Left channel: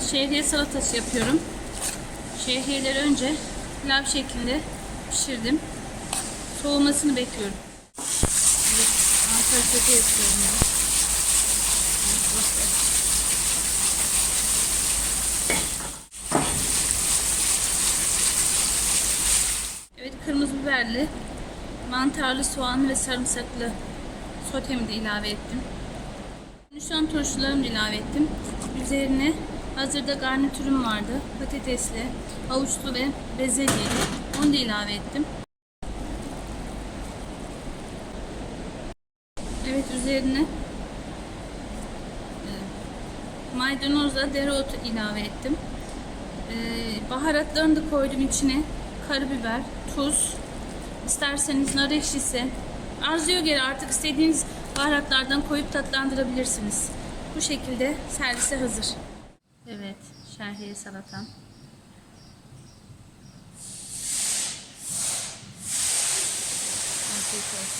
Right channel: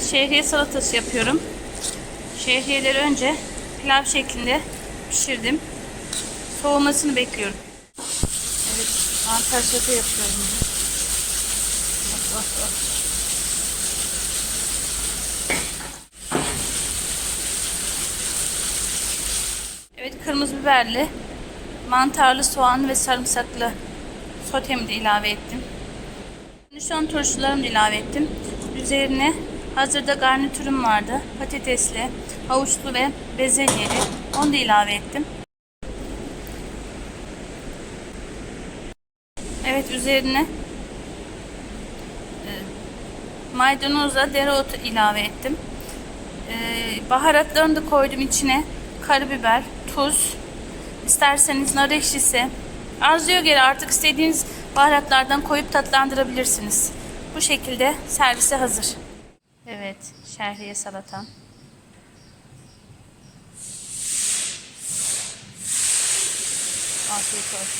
Evet şehriye salatası yapıyorum. Şehriyeleri önce pilav şeklinde pişirdim. Soğumasını bekliyorum. Evet mantar sote yapıyorum. Evet kırmızı biberli, mantarlı, soğanlı ve sarımsaklı sotemi de ilave ettim. Şu an turşularımı da ilave ettim. Üzerine hazırda garnitürüm vardı. Patatesli, havuçlu ve bezelyeli. Onu da ilave ettim. Evet üzerine e, maydanozla dereotu ilave ettim. E, baharatlarını da koydum içine. Karabiber, tuz, isterseniz nar ekşisi. Arzuya göre artık istediğiniz baharatlardan koyup tatlandırabilirsiniz. Bu şekilde servise hazır. Evet, şehriye salatam. Afiyet olsun.